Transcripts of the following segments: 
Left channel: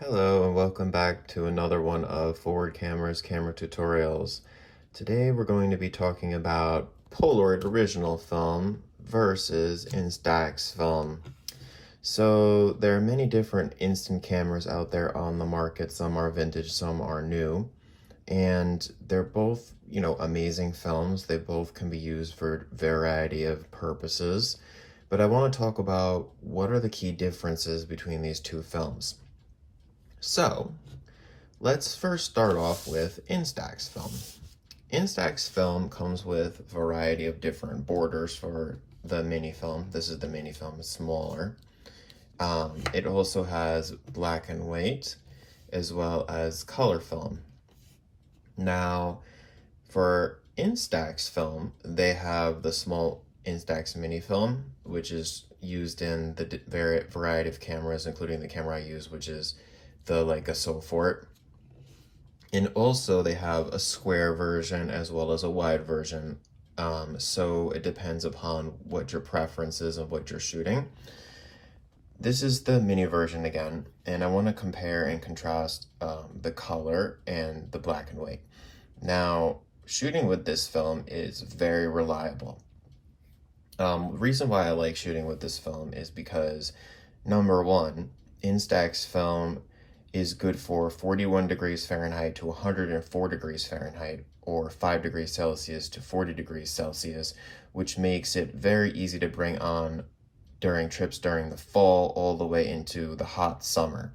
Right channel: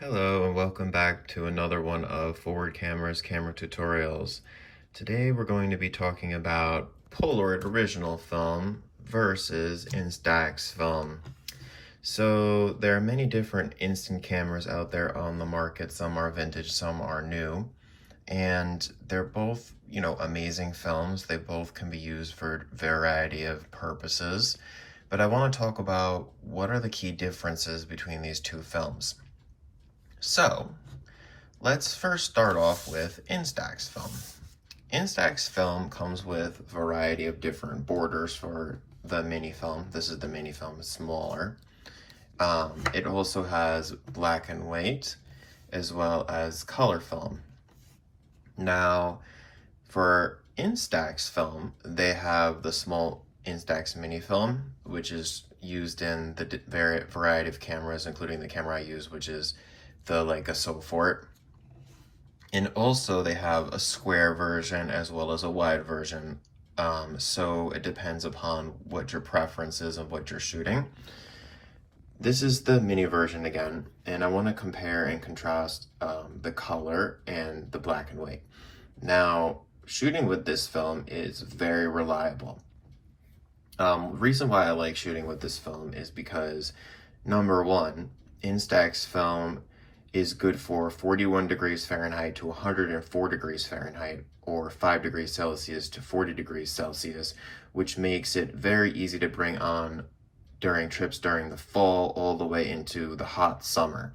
Hello and welcome back to another one of Forward Camera's camera tutorials. Today we're going to be talking about Polaroid original film versus Instax film. So there are many different instant cameras out there on the market. Some are vintage, some are new. And they're both, amazing films. They both can be used for a variety of purposes. But I want to talk about what are the key differences between these two films. So, let's first start off with Instax film. Instax film comes with a variety of different borders for the mini film. This is the mini film, it's smaller. It also has black and white as well as color film. Now, for Instax film, they have the small Instax mini film, which is used in the variety of cameras, including the camera I use, which is the Leica Sofort. And also they have a square version as well as a wide version. So it depends upon what your preference is of what you're shooting. This is the mini version again, and I want to compare and contrast the color and the black and white. Now, shooting with this film is very reliable. Reason why I like shooting with this film is because, number one, Instax film is good for 41 degrees Fahrenheit to 104 degrees Fahrenheit, or 5 degrees Celsius to 40 degrees Celsius, which makes it very easy to bring on during trips during the fall all the way into the hot summer.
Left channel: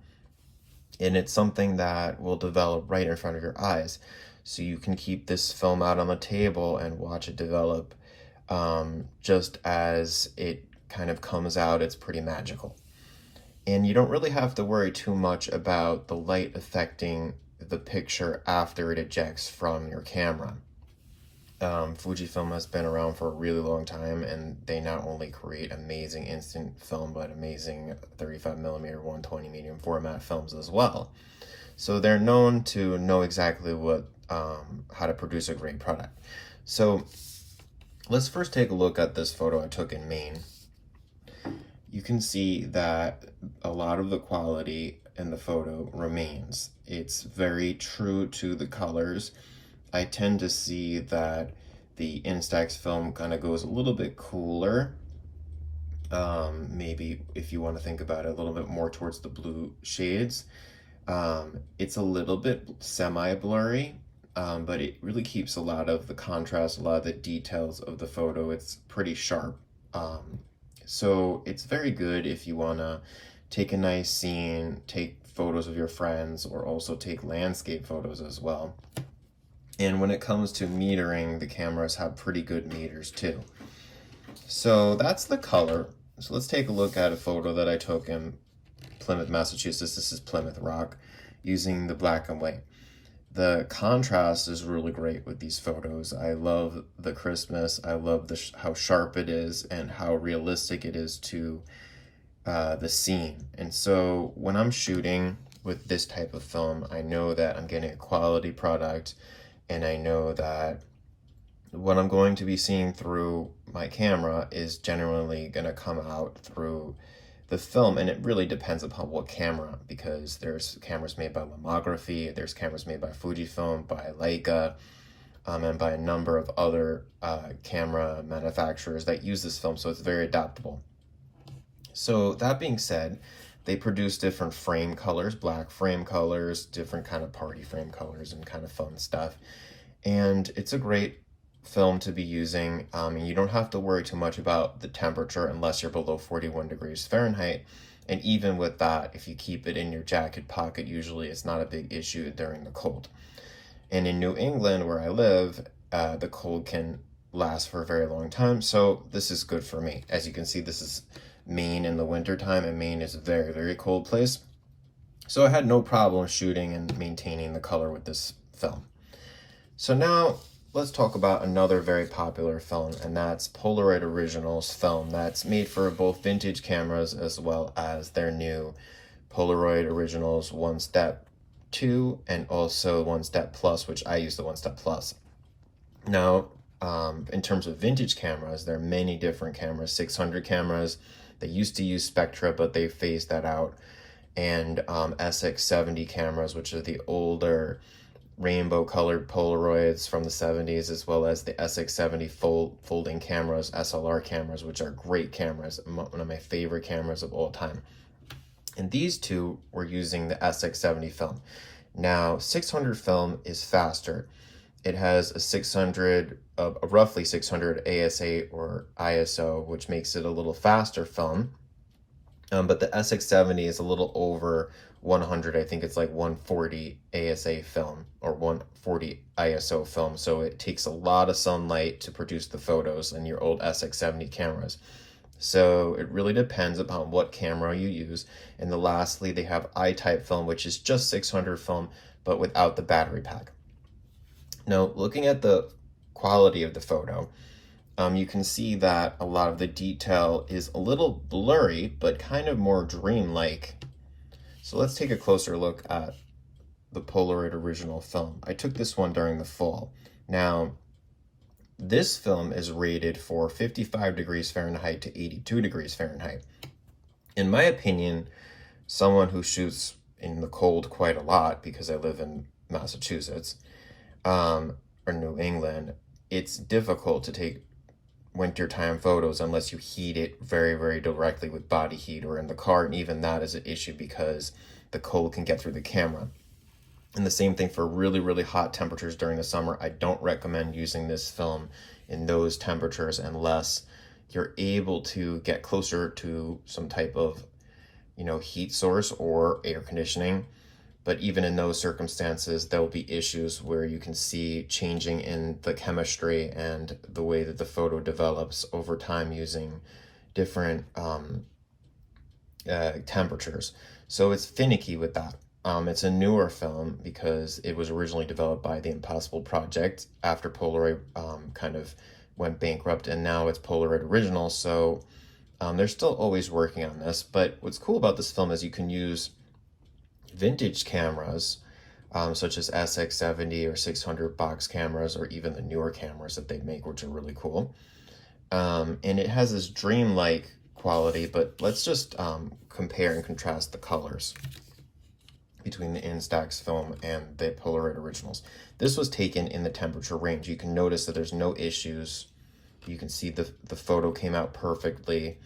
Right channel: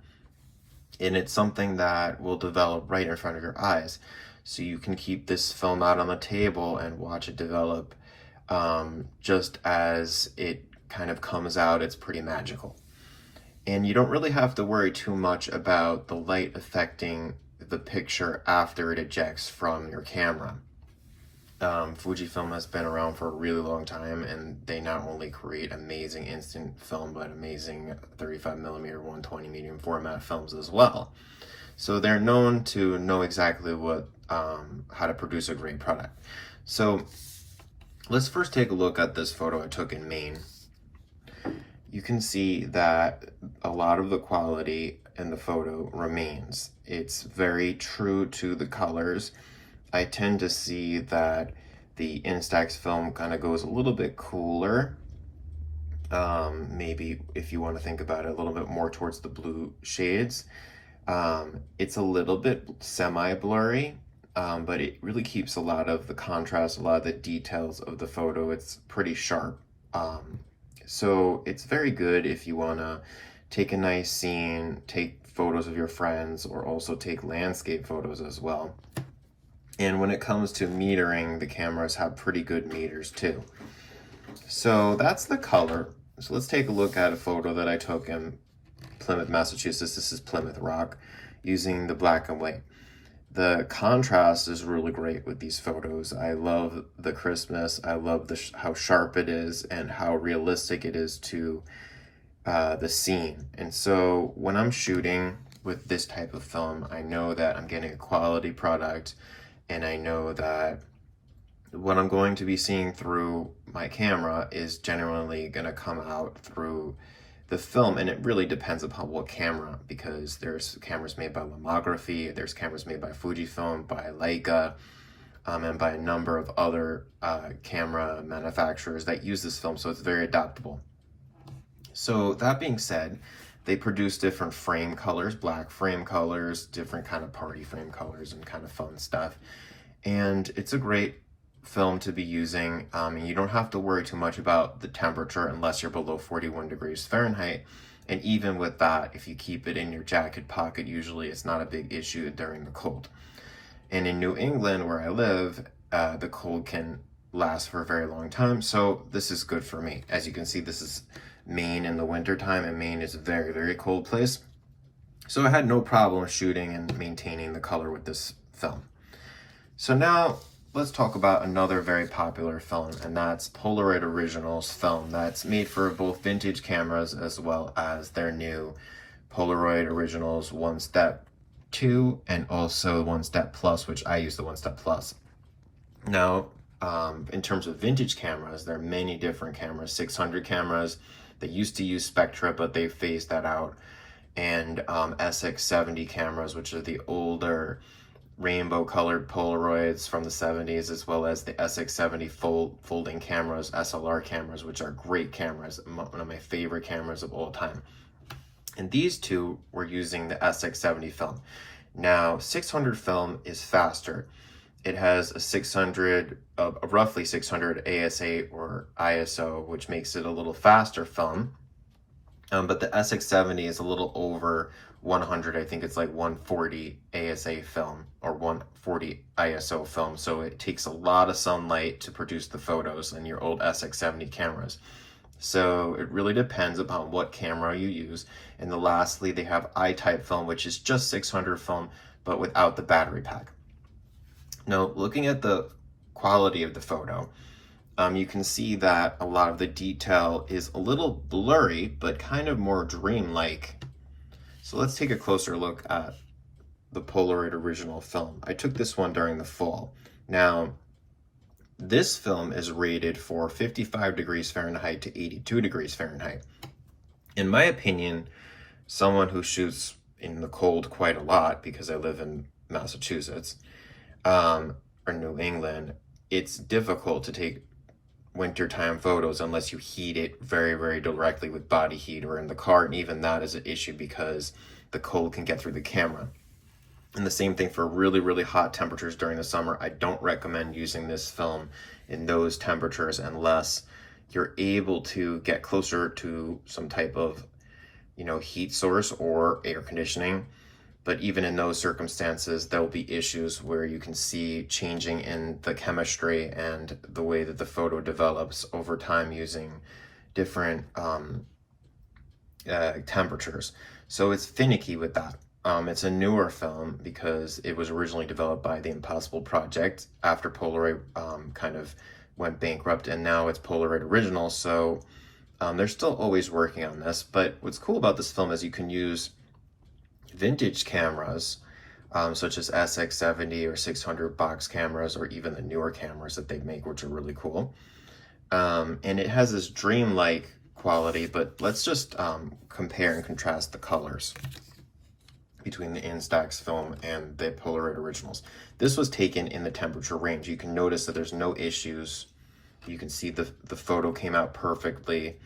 And it's something that will develop right in front of your eyes. So you can keep this film out on the table and watch it develop just as it kind of comes out. It's pretty magical. And you don't really have to worry too much about the light affecting the picture after it ejects from your camera. Fujifilm has been around for a really long time, and they not only create amazing instant film, but amazing 35mm, 120 medium format films as well. So they're known to know exactly what how to produce a great product. So let's first take a look at this photo I took in Maine. You can see that a lot of the quality in the photo remains. It's very true to the colors. I tend to see that the Instax film kind of goes a little bit cooler. Maybe if you want to think about it, a little bit more towards the blue shades. It's a little bit semi-blurry, but it really keeps a lot of the contrast, a lot of the details of the photo. It's pretty sharp. So it's very good if you want to take a nice scene, take photos of your friends, or also take landscape photos as well. And when it comes to metering, the cameras have pretty good meters too. So that's the color. So let's take a look at a photo that I took in Plymouth, Massachusetts. This is Plymouth Rock, using the black and white. The contrast is really great with these photos. I love the crispness. I love how sharp it is and how realistic it is to the scene. And so when I'm shooting with this type of film, I know that I'm getting a quality product, and I know that what I'm going to be seeing through my camera is genuinely going to come out through the film. And it really depends upon what camera, because there's cameras made by Lomography, there's cameras made by Fujifilm, by Leica, and by a number of other camera manufacturers that use this film, so it's very adaptable. So that being said, they produce different frame colors, black frame colors, different kind of party frame colors, and kind of fun stuff. And it's a great film to be using. And you don't have to worry too much about the temperature unless you're below 41 degrees Fahrenheit. And even with that, if you keep it in your jacket pocket, usually it's not a big issue during the cold. And in New England, where I live, the cold can last for a very long time. So this is good for me. As you can see, this is Maine in the winter time, and Maine is a very, very cold place. So I had no problem shooting and maintaining the color with this film. So now let's talk about another very popular film, and that's Polaroid Originals film that's made for both vintage cameras as well as their new Polaroid Originals 1 Step 2 and also 1 Step Plus, which I use the 1 Step Plus. Now, in terms of vintage cameras, there are many different cameras, 600 cameras. They used to use Spectra, but they phased that out. and SX70 cameras, which are the older rainbow colored Polaroids from the 70s, as well as the SX70 folding cameras, SLR cameras, which are great cameras, one of my favorite cameras of all time. And these two were using the SX70 film. Now, 600 film is faster. It has a roughly 600 ASA or ISO, which makes it a little faster film. But the SX70 is a little over 100. I think it's like 140 ASA film or 140 ISO film. So it takes a lot of sunlight to produce the photos in your old SX70 cameras. So it really depends upon what camera you use. And then lastly, they have I-type film, which is just 600 film, but without the battery pack. Now, looking at the quality of the photo, you can see that a lot of the detail is a little blurry, but kind of more dreamlike. So let's take a closer look at the Polaroid original film. I took this one during the fall. Now, this film is rated for 55 degrees Fahrenheit to 82 degrees Fahrenheit. In my opinion, someone who shoots in the cold quite a lot, because I live in Massachusetts, or New England, it's difficult to take wintertime photos unless you heat it very, very directly with body heat or in the car, and even that is an issue because the cold can get through the camera. And the same thing for really, really hot temperatures during the summer. I don't recommend using this film in those temperatures unless you're able to get closer to some type of, heat source or air conditioning. But even in those circumstances, there will be issues where you can see changing in the chemistry and the way that the photo develops over time using different temperatures. So it's finicky with that. It's a newer film because it was originally developed by the Impossible Project after Polaroid kind of went bankrupt, and now it's Polaroid Original. So they're still always working on this. But what's cool about this film is you can use vintage cameras such as SX70 or 600 box cameras, or even the newer cameras that they make, which are really cool. And it has this dreamlike quality, but let's just compare and contrast the colors between the Instax film and the Polaroid originals. This was taken in the temperature range. You can notice that there's no issues. You can see the photo came out perfectly.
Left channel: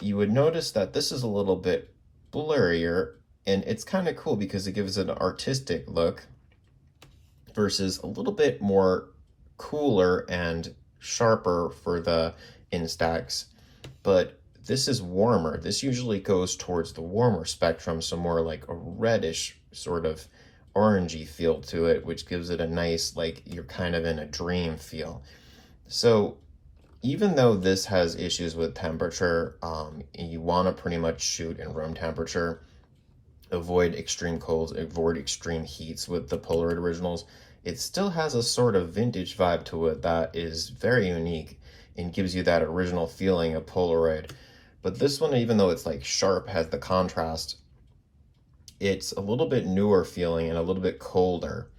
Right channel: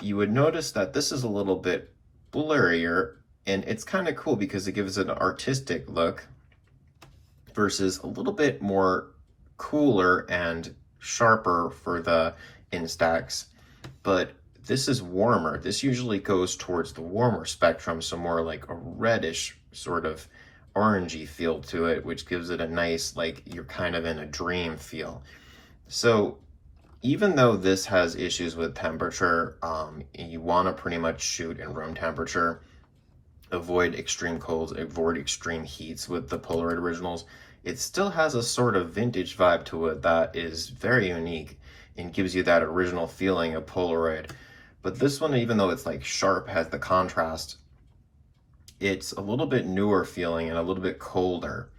You would notice that this is a little bit blurrier, and it's kind of cool because it gives it an artistic look versus a little bit more cooler and sharper for the Instax. But this is warmer. This usually goes towards the warmer spectrum, so more like a reddish sort of orangey feel to it, which gives it a nice, like you're kind of in a dream feel. So even though this has issues with temperature, you want to pretty much shoot in room temperature, avoid extreme colds, avoid extreme heats with the Polaroid originals, it still has a sort of vintage vibe to it that is very unique and gives you that original feeling of Polaroid. But this one, even though it's like sharp, has the contrast, it's a little bit newer feeling and a little bit colder,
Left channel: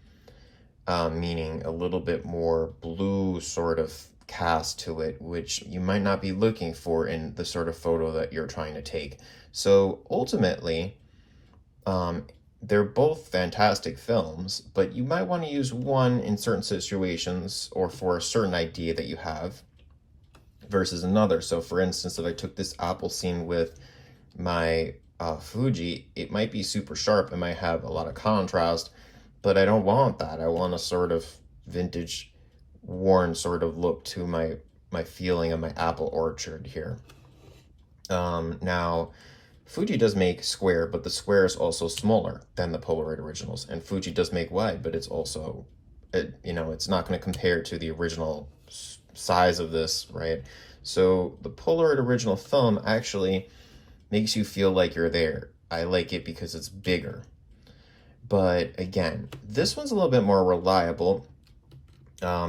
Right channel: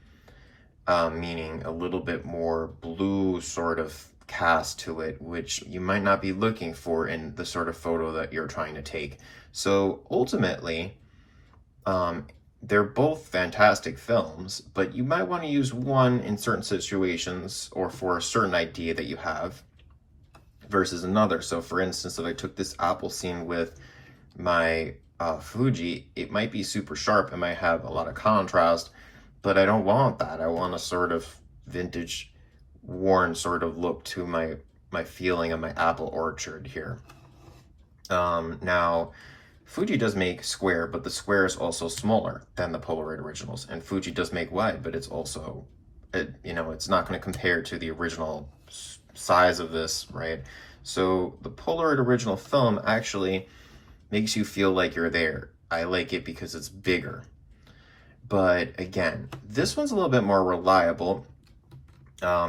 meaning a little bit more blue sort of cast to it, which you might not be looking for in the sort of photo that you're trying to take. So ultimately, they're both fantastic films, but you might want to use one in certain situations or for a certain idea that you have versus another. So for instance, if I took this apple scene with my Fuji, it might be super sharp, it might have a lot of contrast, but I don't want that. I want a sort of vintage, worn sort of look to my feeling of my apple orchard here. Now, Fuji does make square, but the square is also smaller than the Polaroid originals, and Fuji does make wide, but it's also, it's not going to compare to the original size of this, right? So the Polaroid original film actually makes you feel like you're there. I like it because it's bigger. But again, this one's a little bit more reliable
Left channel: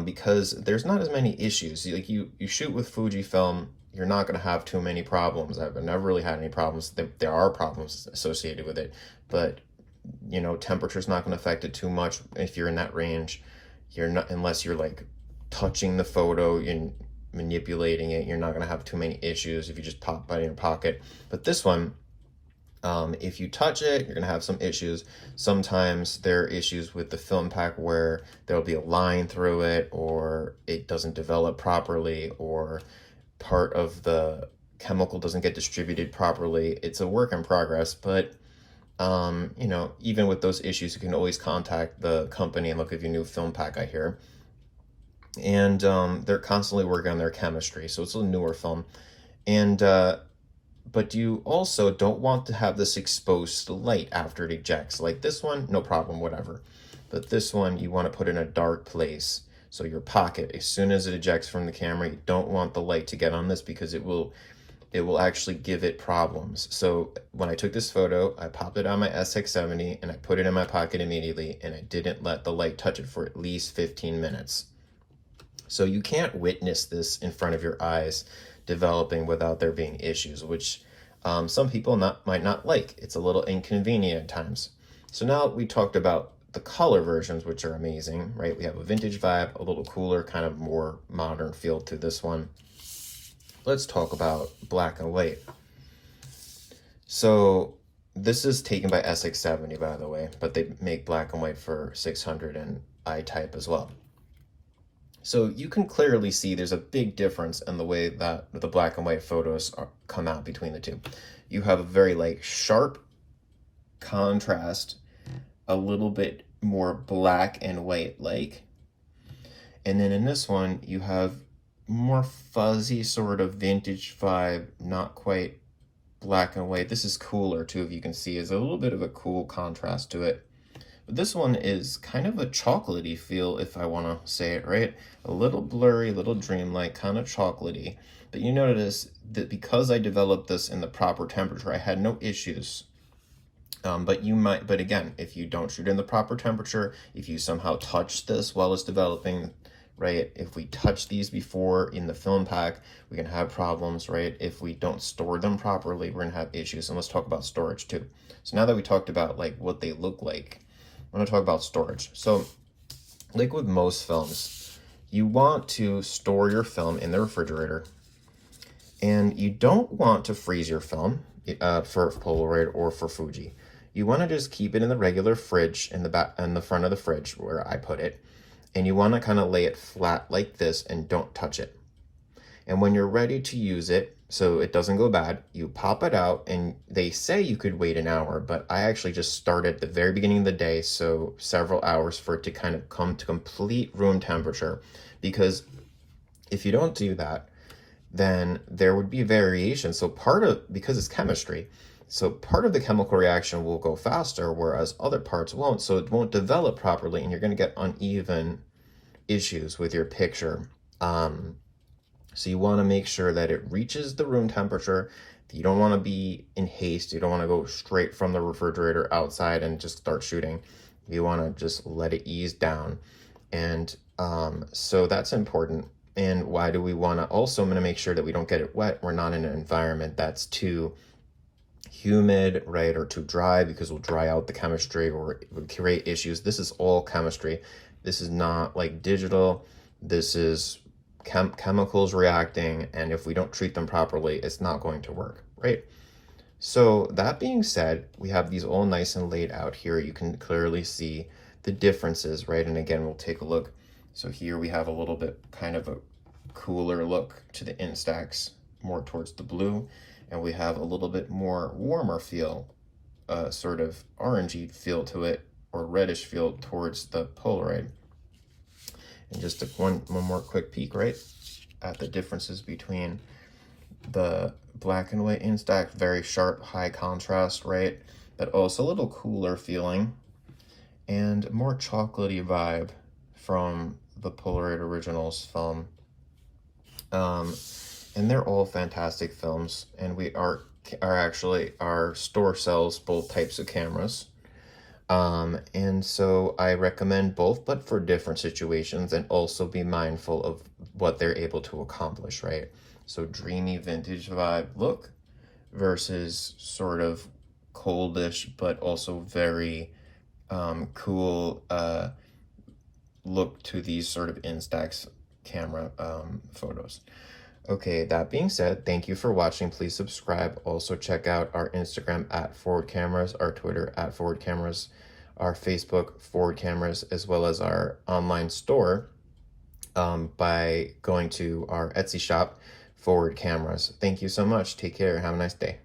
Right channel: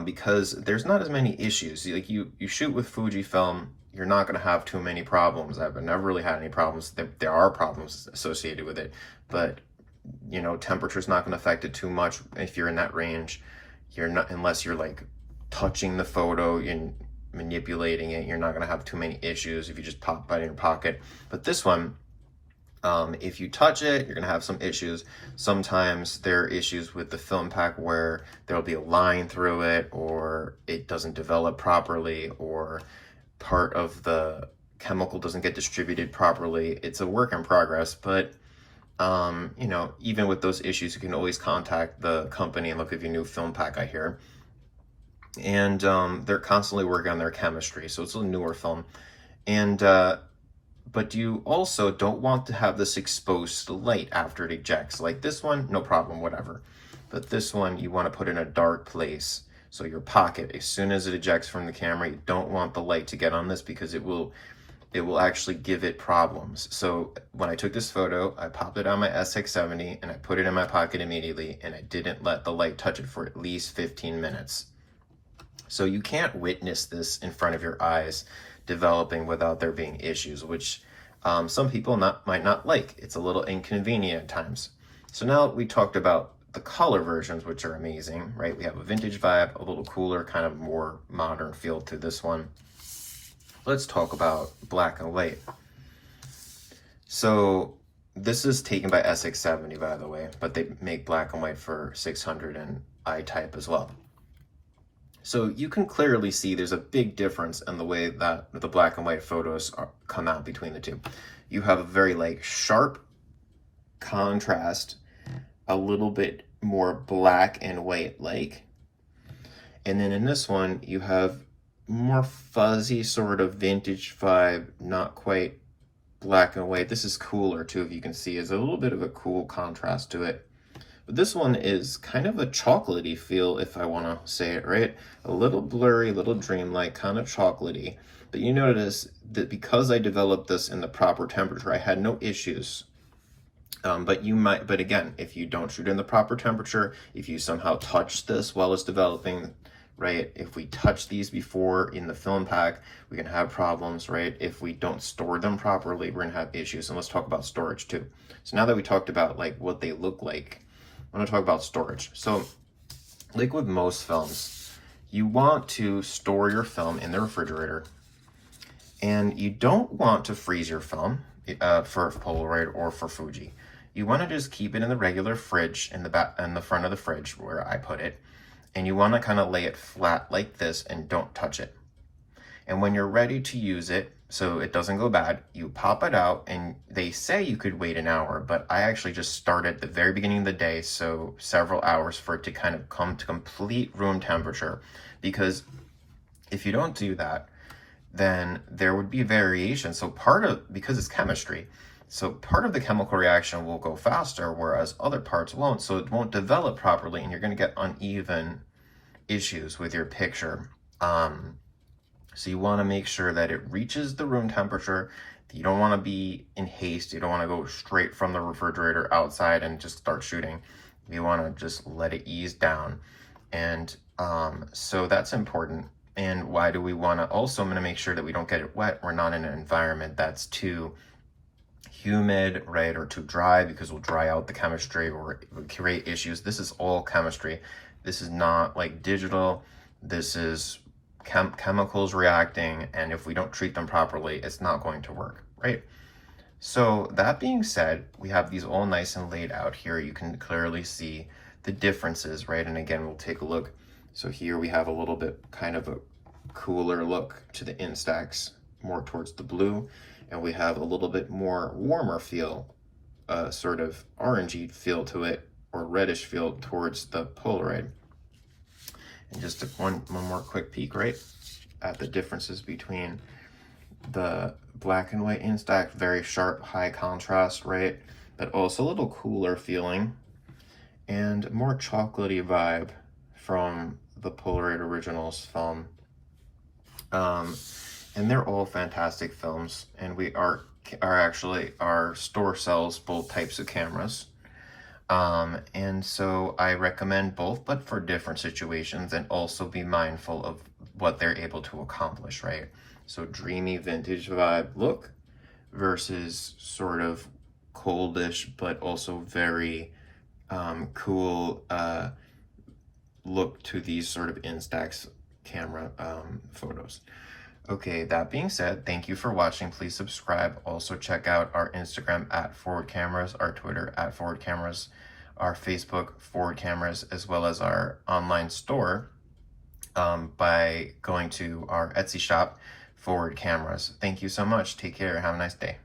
because there's not as many issues. Like you shoot with Fujifilm, you're not going to have too many problems. I've never really had any problems. There are problems associated with it, but temperature's not going to affect it too much if you're in that range. You're not, unless you're like touching the photo and manipulating it, you're not going to have too many issues if you just pop it in your pocket. But this one, If you touch it, you're gonna have some issues. Sometimes there are issues with the film pack where there'll be a line through it, or it doesn't develop properly, or part of the chemical doesn't get distributed properly. It's a work in progress, but you know, even with those issues, you can always contact the company and look at your new film pack, I hear. And they're constantly working on their chemistry, so it's a newer film. And but you also don't want to have this exposed to light after it ejects. Like this one, no problem, whatever. But this one, you want to put in a dark place. So your pocket, as soon as it ejects from the camera, you don't want the light to get on this because it will actually give it problems. So when I took this photo, I popped it on my SX70 and I put it in my pocket immediately, and I didn't let the light touch it for at least 15 minutes. So you can't witness this in front of your eyes developing without there being issues, which some people might not like. It's a little inconvenient at times. So now we talked about the color versions, which are amazing, right? We have a vintage vibe, a little cooler, kind of more modern feel to this one. Let's talk about black and white. So this is taken by SX70, by the way, but they make black and white for 600 and I-type as well. So you can clearly see there's a big difference in the way that the black and white photos come out between the two. You have a very like sharp contrast, a little bit more black and white like. And then in this one, you have more fuzzy sort of vintage vibe, not quite black and white. This is cooler too, if you can see, is a little bit of a cool contrast to it. But this one is kind of a chocolatey feel, if I want to say it right. A little blurry, little dreamlike, kind of chocolatey. But you notice that because I developed this in the proper temperature, I had no issues. But again, if you don't shoot in the proper temperature, if you somehow touch this while it's developing, right? If we touch these before in the film pack, we can have problems, right? If we don't store them properly, we're gonna have issues. And let's talk about storage too. So now that we talked about like what they look like, I'm gonna talk about storage. So like with most films, you want to store your film in the refrigerator, and you don't want to freeze your film for Polaroid or for Fuji. You want to just keep it in the regular fridge in the front of the fridge where I put it, and you want to kind of lay it flat like this and don't touch it. And when you're ready to use it, so it doesn't go bad, you pop it out, and they say you could wait an hour, but I actually just started at the very beginning of the day, so several hours for it to kind of come to complete room temperature. Because if you don't do that, then there would be variation. So because it's chemistry, so part of the chemical reaction will go faster, whereas other parts won't, so it won't develop properly, and you're going to get uneven issues with your picture. So you want to make sure that it reaches the room temperature. You don't want to be in haste. You don't want to go straight from the refrigerator outside and just start shooting. You want to just let it ease down. And so that's important. And why do we want to also, I'm going to make sure that we don't get it wet. We're not in an environment that's too humid, right, or too dry, because we'll dry out the chemistry or it would create issues. This is all chemistry. This is not like digital. This is chemicals reacting, and if we don't treat them properly, it's not going to work, right? So that being said, we have these all nice and laid out here. You can clearly see the differences, right? And again, we'll take a look. So here we have a little bit kind of a cooler look to the Instax, more towards the blue, and we have a little bit more warmer feel, sort of orangey feel to it, or reddish feel towards the Polaroid. And just one more quick peek, right, at the differences between the black and white Instax, very sharp, high contrast, right, but also a little cooler feeling, and more chocolatey vibe from the Polaroid Originals film. And they're all fantastic films, and we are actually, our store sells both types of cameras. And so I recommend both, but for different situations, and also be mindful of what they're able to accomplish, right? So dreamy vintage vibe look versus sort of coldish, but also very cool look to these sort of Instax camera photos. Okay, that being said, thank you for watching. Please subscribe. Also check out our Instagram at Forward Cameras, our Twitter at Forward Cameras, our Facebook Forward Cameras, as well as our online store by going to our Etsy shop, Forward Cameras. Thank you so much. Take care. Have a nice day.